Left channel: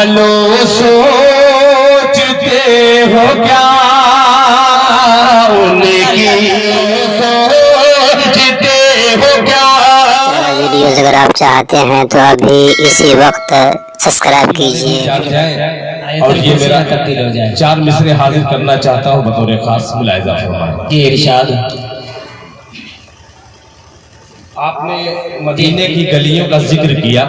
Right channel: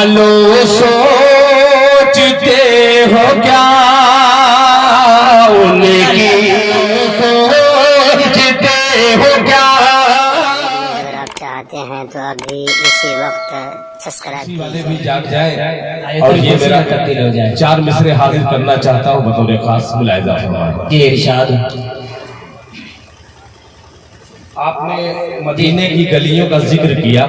ملو سوچتے ہو کیا ان کی سوچتے ہو کیا. ویڈیوز اگر آپ چاہتے ہیں تو ابھی اسی وقت سبسکرائب کیجیے اور یہ میرا تبدیل ہو جائے. 4 مصرے حاضر کرنا چاہتا ہوں بطور خاص ملاحظہ فرمائیں. جی ارشاد. آپ نے مدینے کی گلیوں کا ذکر کیا.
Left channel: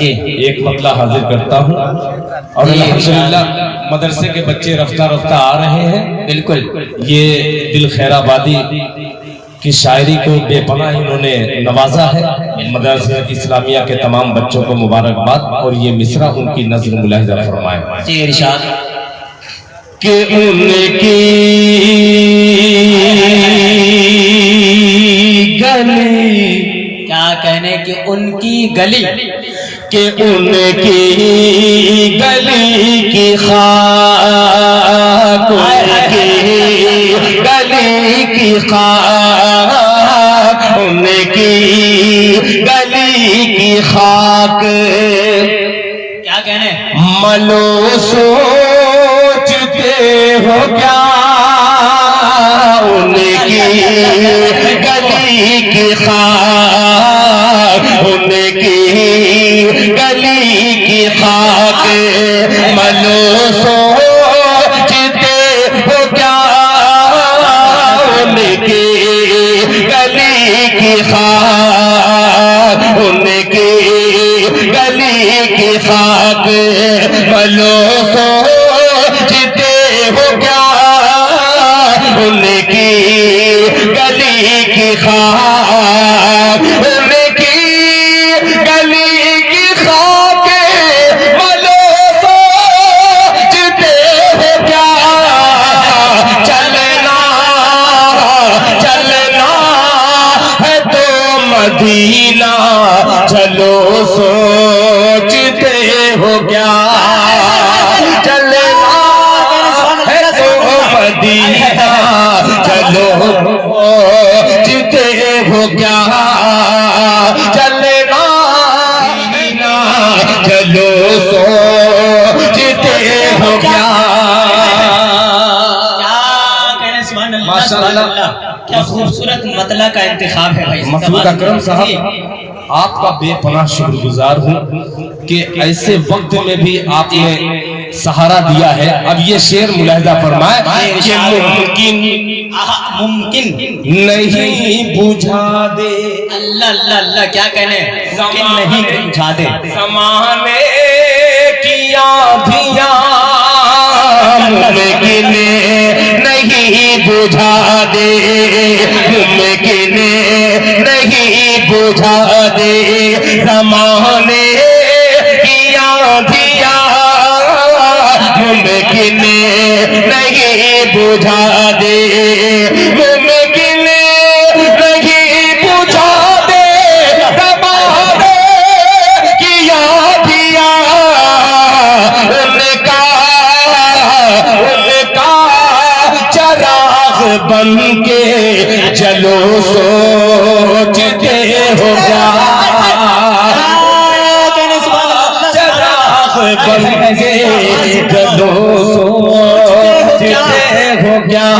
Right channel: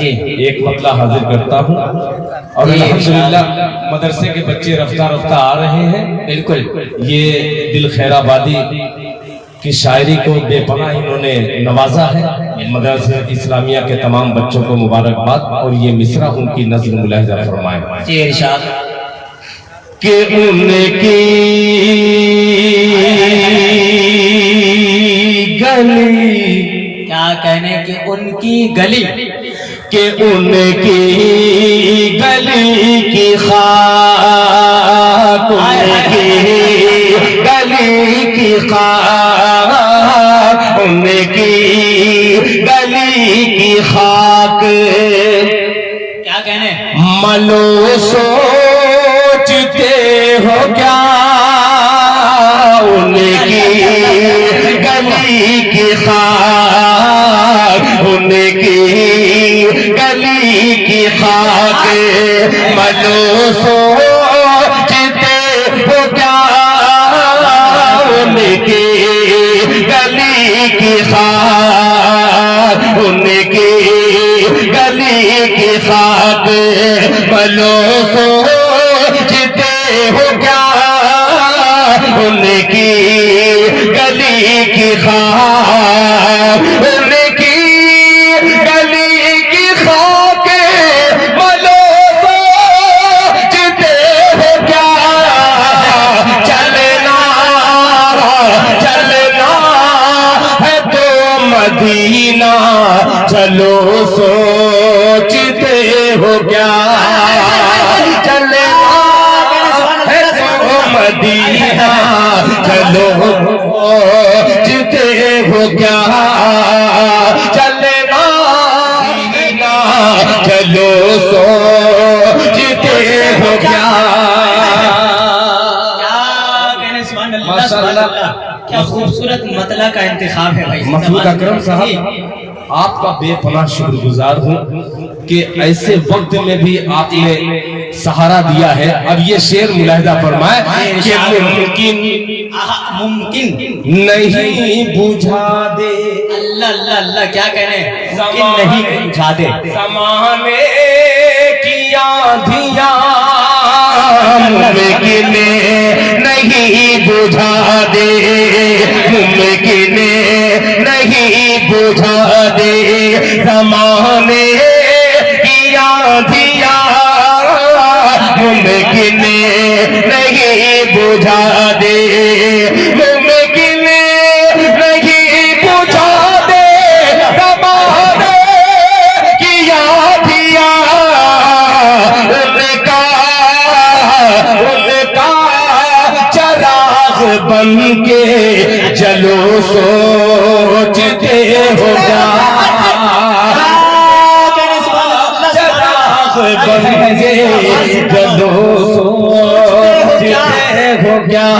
جی ایک مطلع حاضر کرتا ہوں اور الحمدللہ مدرسے کے بچے رفتہ رفتہ آ رہے ہیں. بالکل. یہ دل خیر آبادی کی شاعری کو بے پناہ انہوں نے نوازا ہے. مدرسہ اسلامیہ کے تمام بچوں کو مبارکباد. اور یہ مصرع ان کی نظر ملاحظہ فرمائیں. جی ارشاد. کہ ان کی گلی کیا کہنے کہ ان کی گلی کہ ان کی گلی کی خاک ان کی گلی کی خاک ان کی گلی کی خاک کیا کہنے ملو سوچتے ہو کیا ان کی گلی کی خاک ان کی گلی کی خاک ملو سوچتے ہو کیا ان کی گلی کی خاک ان کی گلی کی خاک ملو سوچتے ہو کیا ان کی گلی کی خاک ان کی گلی کی خاک ملو سوچتے ہو کیا چلنا چلنا ہے تو مدینہ چلو سوچتے ہو کیا چلنا ہے تو مدینہ چلو سوچتے ہو کیا چلنا چلو سوچتے ہو کیا. ماشاءاللہ کیا خوبصورت مطلع کا انتخاب ہے بھائی. مفروض اکرم صاحب آپ کا بے پناہ شکر گزار ہوں کہ ایسے وقت میں بھی آپ نے سہارا دیا ہے. اب یہ شعر ملاحظہ فرمائے کہ ممکن نہیں بجھا دے اللہ اللہ اللہ. کیا کہنے زمانے نہیں بجھا دے زمانے کی آندھیاں ممکن نہیں بجھا دے ممکن نہیں بجھا دے زمانے کی آندھیاں ممکن نہیں بجھا دے ممکن نہیں بجھا دے زمانے کی آندھیاں ان کا چراغ بن کے چلو سوچتے ہو کیا چراغ بن کے چلو سوچتے ہو کیا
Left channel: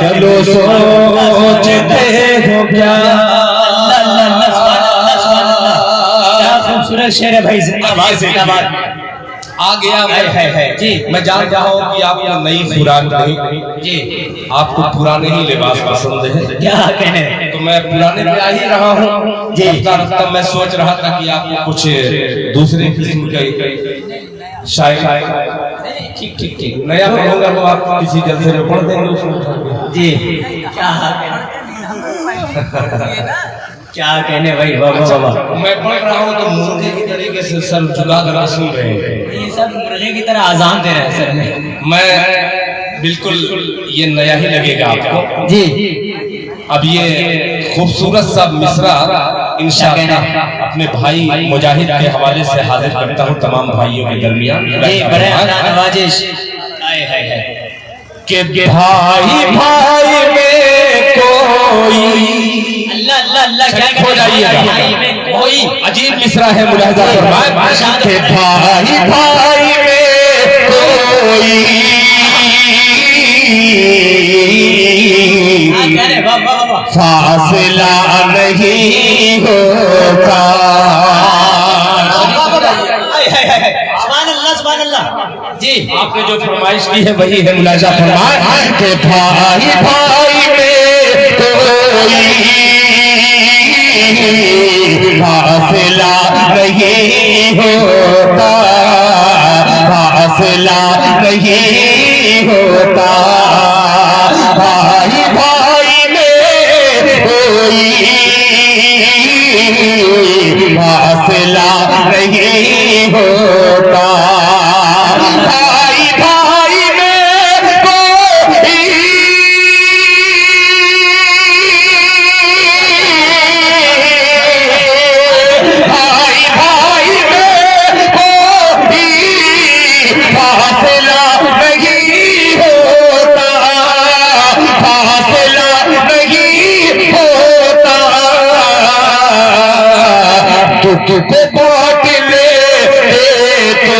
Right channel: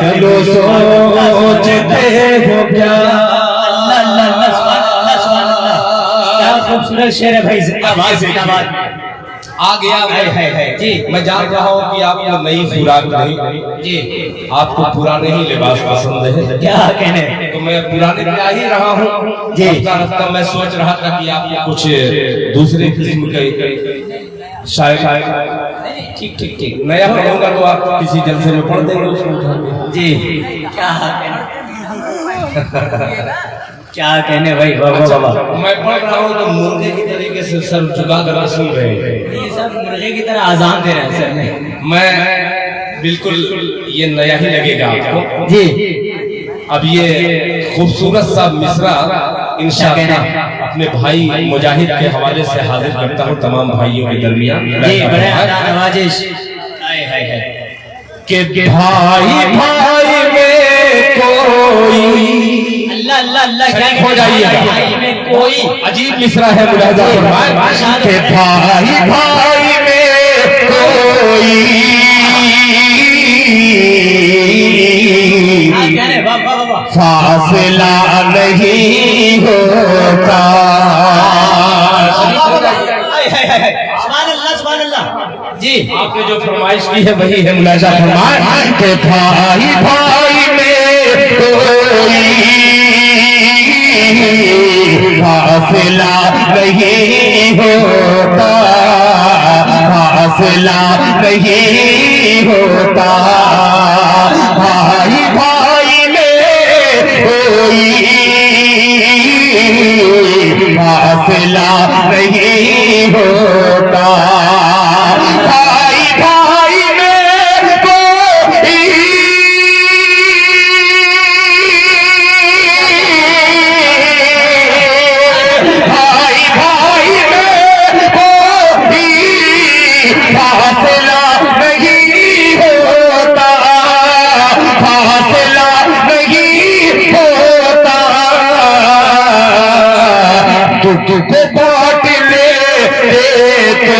چلو سوچتے ہو کیا. کیا خوبصورت شعر ہے بھائی. زندہ باد زندہ باد. آ گیا ہے جی. میں جان رہا ہوں کہ آپ کو نئی خوراک نہیں جی آپ کو پرانے ہی لباس پسند ہے. کیا کہنے تو میں پرانے پہ آ ہی رہا ہوں. جی. رفتہ رفتہ میں سوچ رہا تھا کہ آپ کو کچھ دوسرے قسم کا شاعر ٹھیک ٹھیک ٹھیک. نیا ہوگا تو آپ کسی جلسے میں پڑھ دیں گے. جی کیا کہنے بھائی. میں پڑھ رہا ہوں تو مرغے کی طریقے سے سر جھکا کر سن رہے ہیں. یہ سب مرغے کی طرح آزان دے رہے ہیں سر. میں بالکل یہ نیا ہی لگے گا آپ کو. جی اب یہ خوبصورت سا مصرع انشاءاللہ اپنے بھائی مجاہد کے حوالے سے حاضر کرتا ہوں تمام بھائیوں کے درمیان. جی بڑے نوازش. کہ بھائی بھائی میں کوئی اللہ اللہ اللہ. ہو جائیے. کوئی عجیب مصرع ہے ملاحظہ فرمائے کہ بھائی بھائی میں کوئی فاصلہ نہیں ہوتا. سبحان اللہ جی. آپ نے جو فرمائش کی ہے وہی ہے ملاحظہ فرمائے کہ بھائی بھائی میں کوئی فاصلہ نہیں ہوتا, فاصلہ نہیں ہوتا. بھائی بھائی میں کوئی فاصلہ نہیں ہوتا. بھائی بھائی میں کوئی بھائی بھائی میں کوئی فاصلہ نہیں ہوتا, فاصلہ نہیں ہوتا. دکھ کو بانٹ لے تو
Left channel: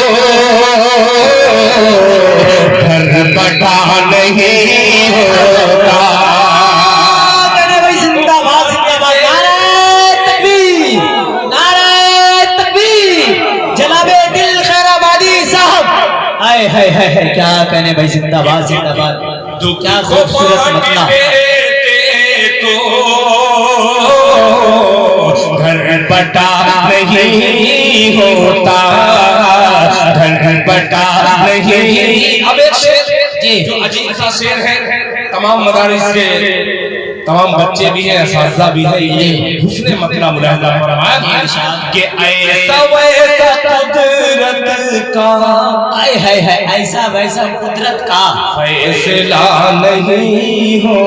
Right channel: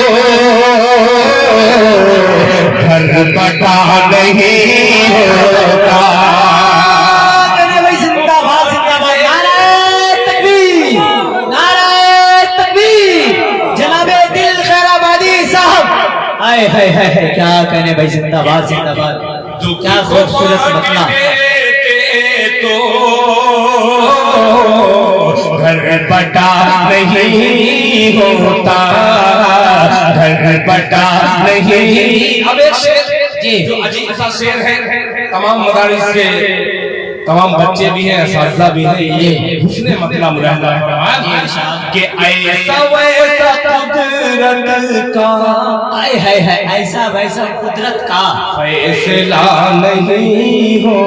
گھر بٹا نہیں ہوتا. زندہ باد زندہ باد. نعرہ تکبیر, نعرہ تکبیر. جناب دل خیر آبادی صاحب, ہائے ہائے ہائے کیا کہنے بھائی, زندہ باد زندہ باد. کیا خوبصورت مطلب. تو گھر بٹا نہیں ہوتا, گھر بٹا نہیں. اب ایک شعر جو عجیب سا شعر ہے, تمام مدارس سے تمام بچے بھی ہیں, اساتذہ بھی ہیں, یہ حسن مطلع ملاحظہ فرمائے کہ ایسا ویسا قدرت کا, ہائے ہائے ہائے, ایسا ویسا قدرت کا فیصلہ نہیں ہو.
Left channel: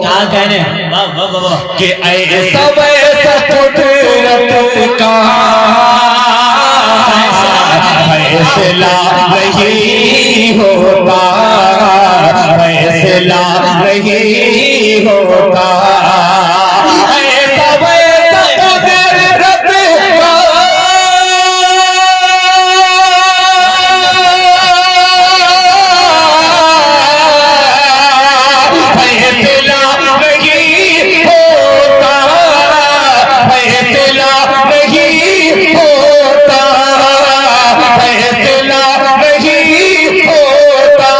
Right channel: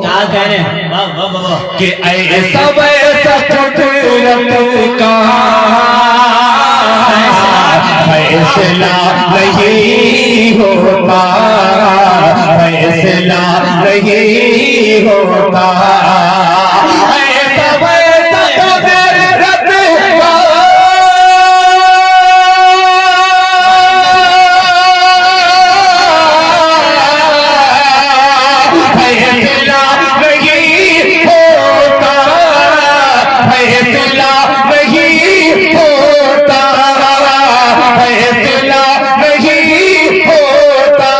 کیا کہنے واہ واہ واہ. کہ ایسا ویسا قدرت کا فیصلہ نہیں ہوتا, فیصلہ نہیں ہوتا. ایسا ویسا قدرت کا فیصلہ نہیں ہوتا, فیصلہ نہیں ہوتا, فیصلہ نہیں ہوتا.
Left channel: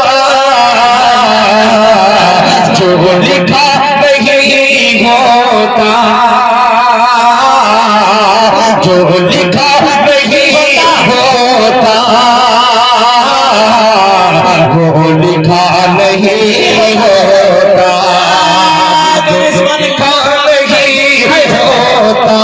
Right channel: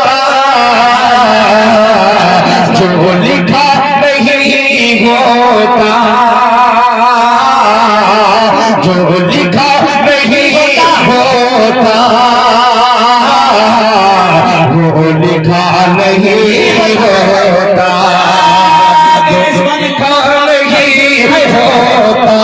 جو لکھا نہیں ہوتا, جو لکھا نہیں ہوتا, وہ لکھا نہیں ہوتا, جو لکھا نہیں ہوتا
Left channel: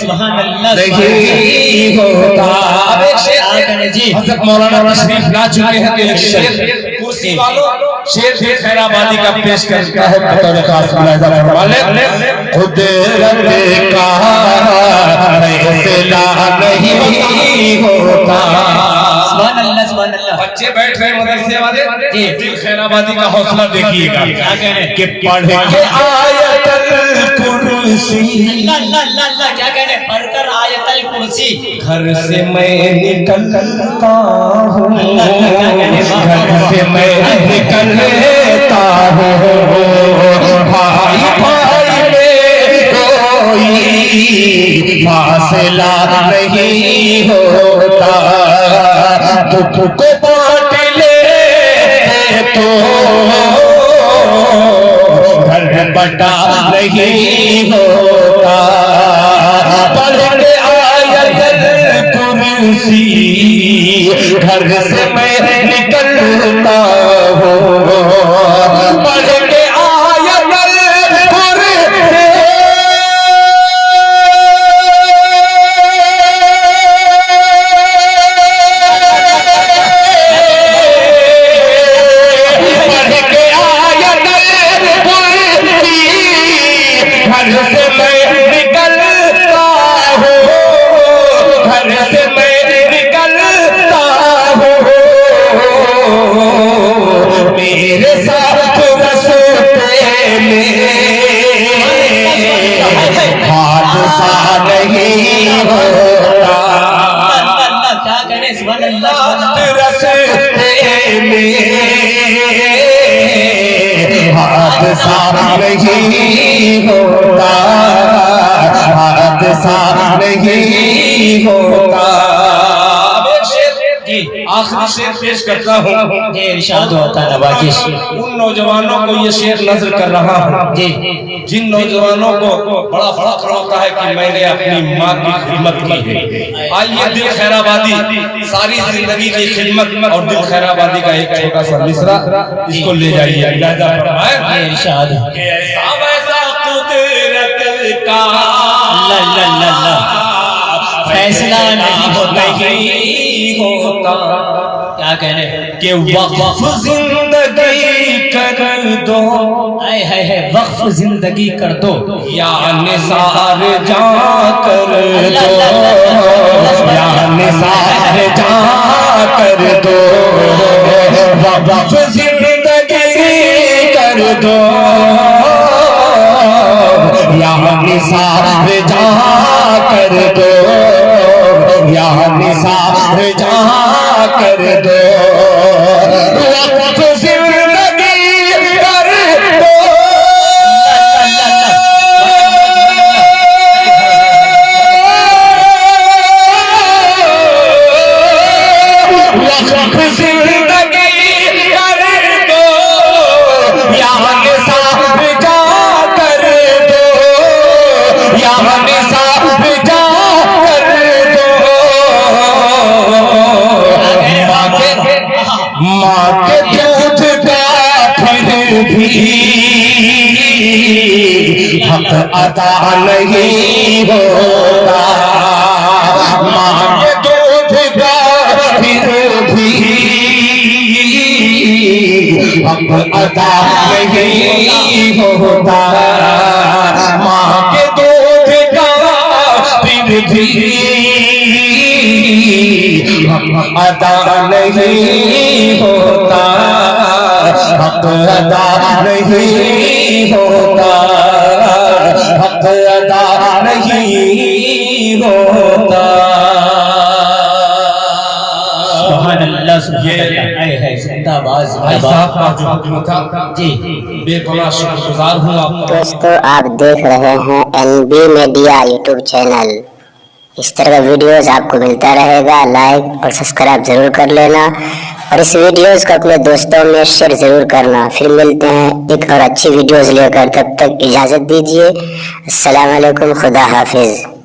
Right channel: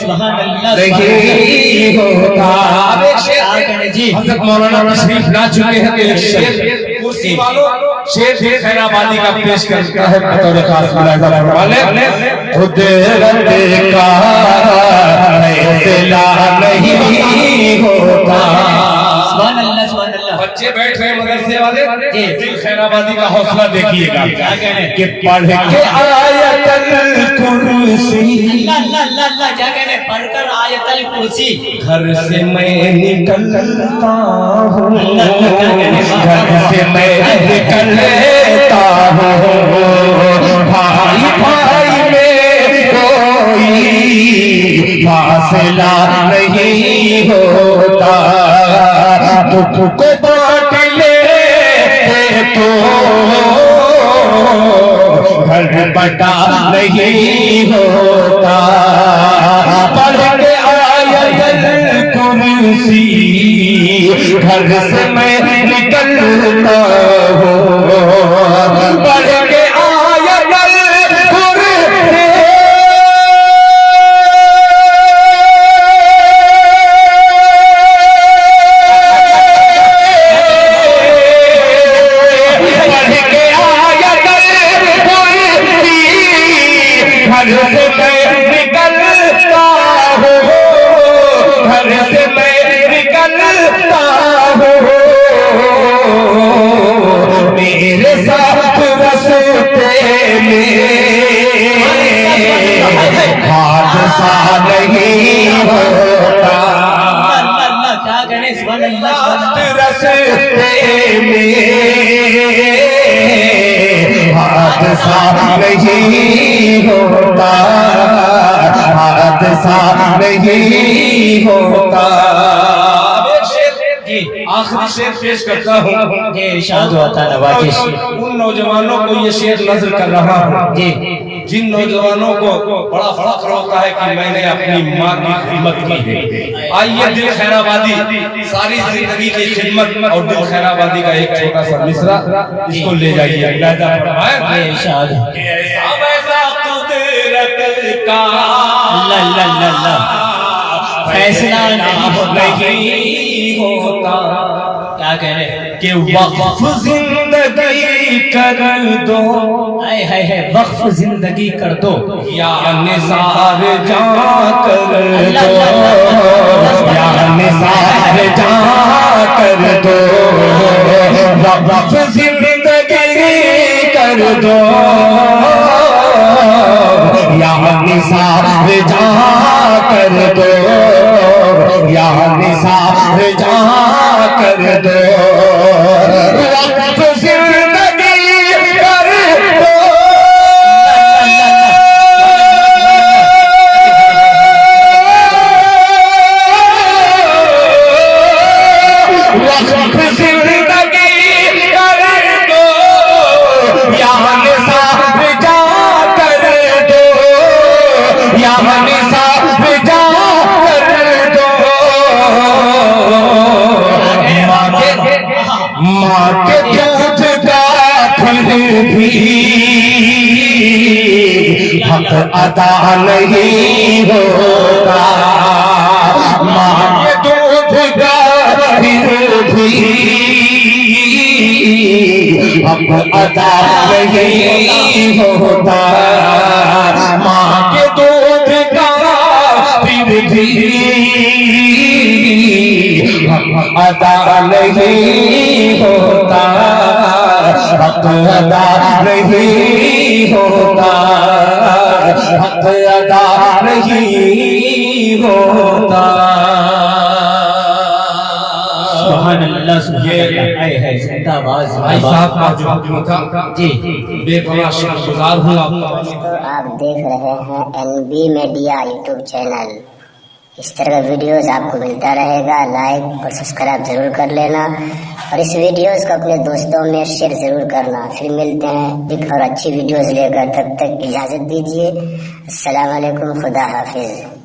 سبحان اللہ نہیں ہوتا. اب ایک شعر جی. حضرت مولانا تشریف لا چکے ہیں, ایک شعر کرسی والوں شعر خیر آبادی کا پیش کرتا ہے بطور خاص ملاحظہ فرمائے. قدرت کا فیصلہ نہیں ہوتا. سبحان اللہ سبحان اللہ. بچے بیٹھ رہے مدرسے والے, دل خیر آبادی کا حوصلہ دیکھیے گا کہ پڑھ کے آیت الکرسی, اللہ اللہ اللہ کیا کہنے, پڑھ کر آیت الکرسی. گھر سے میں نکلتا ہوں, گھر سے میں نکلتا ہوں. بھائی بھائی میں کوئی فاصلہ نہیں ہوتا. دکھ کو بانٹ لے تو گھر بٹا نہیں ہوتا. پڑھ کے آیت الکرسی گھر سے میں نکلتا ہوں, پڑھ کے آیت الکرسی رستے میں حادثہ نہیں ہوتا، حادثہ نہیں ہوتا۔ آخری شعر پیش کرتا ہوں، یہ ارشاد ہوتا نوازش۔ ان نوجوانوں کو یہ شعر نظر کر رہا ہوں جی جن نوجوانوں کو بڑا فخر ہوتا ہے کہ میں نے اپنی ماں کی خدمت کی ہے۔ آئیے دل خیر آبادی ساری زندگی کی خدمت اور دل خیر آبادی کا ایک چھوٹا سا مصرع اس کو لے جائیے۔ اجازت فرمائیں یہ ارشاد ہے۔ کہ ایسا ویسا قدرت کا اللہ اللہ اللہ فیصلہ نہیں ہوتا کیا کہہ رہے ہیں کہ وقف زندگی کر دو، ہائے ہائے ہائے وقف زندگی کر دو یا نثار جا کر دو، یا نثار جا کر دو، وقف زندگی کر دو، یا نثار جا کر دو، یا نثار جا کر دو، وقف زندگی کر دو، وقف زندگی کر دو، یا نثار جا کر دو، یا نثار جا کر دو۔ ماں کے دودھ کا پھر بھی حق ادا نہیں ہوتا، ماں کے دودھ کا پھر بھی حق ادا نہیں ہوتا، ماں کے دودھ کا پھر بھی حق ادا نہیں ہوتا، حق ادا نہیں ہوتا، حق ادا نہیں ہوتا۔ سبحان اللہ سبحان اللہ ہائے ہائے زندہ باز بھائی صاحب کا جو حکم تھا جی بے پناہ شکر گزار ہوں آپ کا۔ دوستو آپ دیکھ رہے ہیں NB میڈیا یوٹیوب چینل۔ اس طرح کا ویڈیوز آپ کو ملتا رہے گا، لائک اور سبسکرائب ضرور کر لینا، اور اس ویڈیوز کو اپنے دوستوں میں شیئر ضرور کرنا۔ پھر ملتے ہیں ایک اور اچھی ویڈیوز لے کر، تب تک اجازت دیجیے۔ السلام علیکم، خدا حافظ۔